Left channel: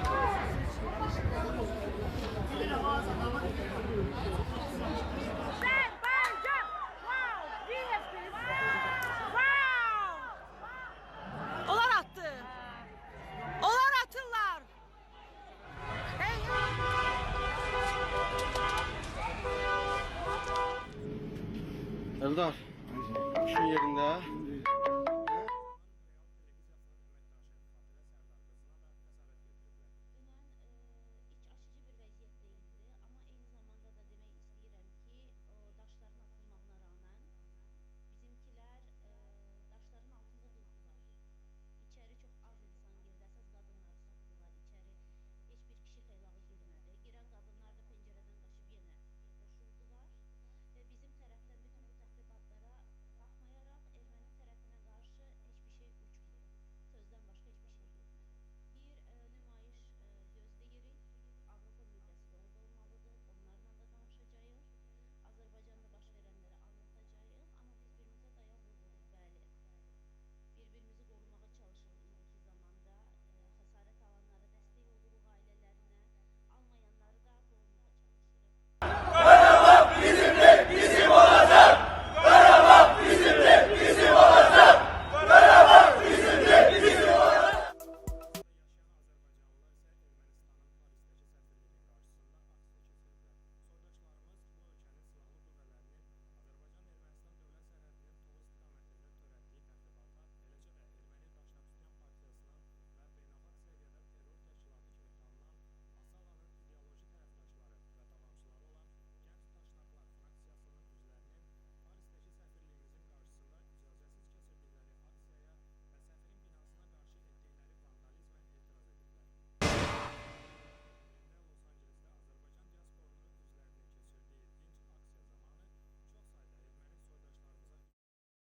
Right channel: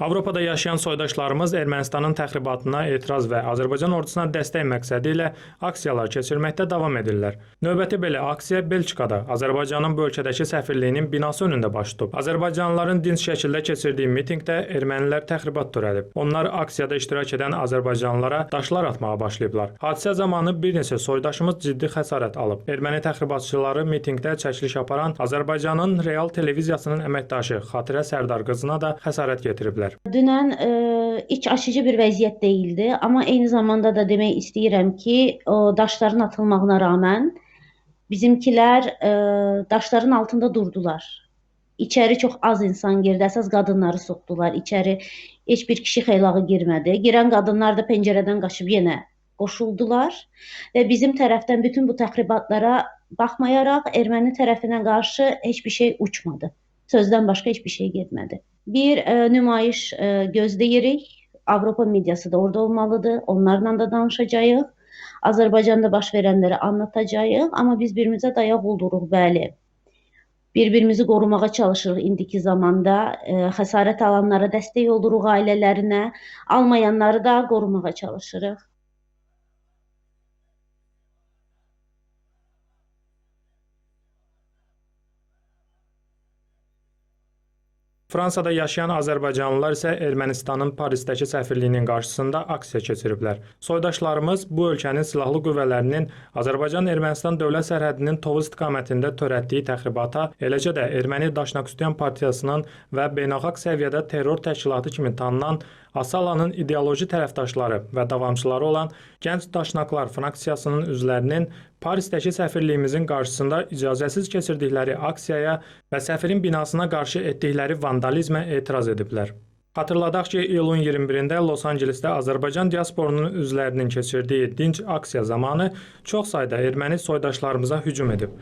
Avropada yaşayan soydaşlarımız Ermənistanın təxribatına etiraz və Azərbaycan ordusuna dəstək məqsədi ilə aksiyalar keçirməkdə davam edirlər. Növbəti belə aksiya Belçikada, Azərbaycanın bu ölkədəki səfirliyinin binası önündə baş tutub. Azərbaycanlıların dinc şəkildə keçirdiyi mitinqdə ermənilər təxribat törədib. Onlar aksiyada iştirak edən azərbaycanlılara daşlar atmağa başlayıblar. Hadisə zamanı bir neçə soydaşımız ciddi xəsarət alıb. Erməni təxribatçıları mitinqdə çəkiliş aparan Azərbaycanın Real televiziyasının əməkdaşı Xatirə Sərdar qızına da xəsarət yetiriblər. Dünən e, iç açıcı bir vəziyyət değildi, amma eyni zamanda da demək istəyirəm ki, o daşların atılmağına rağmen bizimkilər e, daşların altında durdular. İçəri çox az insan girdi, əsas qadınları soxdular. İçəri heç bir kişi xeylağı girmədi. Girən qadınlar da pəncərədən qaçıb yenə qoşuldular və bizim tərəfdən bütün bu təxribatlara baxmayaraq erməni tərəfinə qarşı heç bir şey uçmadı. Sözdən başqa heç bir şey getmədi. Bir e, nümayiş e, gözləyirik. Avropa mediası da orada olmalıdır. Onlarla da danışacağıq. Azərbaycanda baş verənləri anlatacağıq, amma biz birimizə dayaq olduruq, bəli. Bir-birimizi qorumağa çalışırıq indiki zamanda. E, xəsarət alanlara dəstək oluruq ailələrinə, almayanları da qorumağa çalışırıq. Fransada yaşayan azərbaycanlılar isə Ermənistanın Parisdəki səfirliyinin qarşısında aksiya keçiriblər. Soydaşlarımız bu ölkənin silahlı qüvvələrinin Azərbaycan-Ermənistan dövlət sərhədinin Tovuz istiqamətində törətdiyi təxribata, eləcə də Erməni Daşnaqüstyan partiyasının və beynəlxalq səviyyədə terror təşkilatı kimi tanınan Asalanın ideoloji tərəfdaşları və davamçıları olan Gənc Daşnaqlar fraksiyasının üzvlərinin Parisdəki səfirliyimizin qarşısında icazəsiz keçirdikləri aksiyaya və səfirin binasına qarşı etdikləri vandalizmə etiraz ediblər. Xatırladaq ki, iyulun 21-də Los Ancelesdə Azərbaycan diasporunun üzvlərinin keçirdiyi dinc aksiya zamanı çox sayda erməni soydaşlarımıza hücum edib.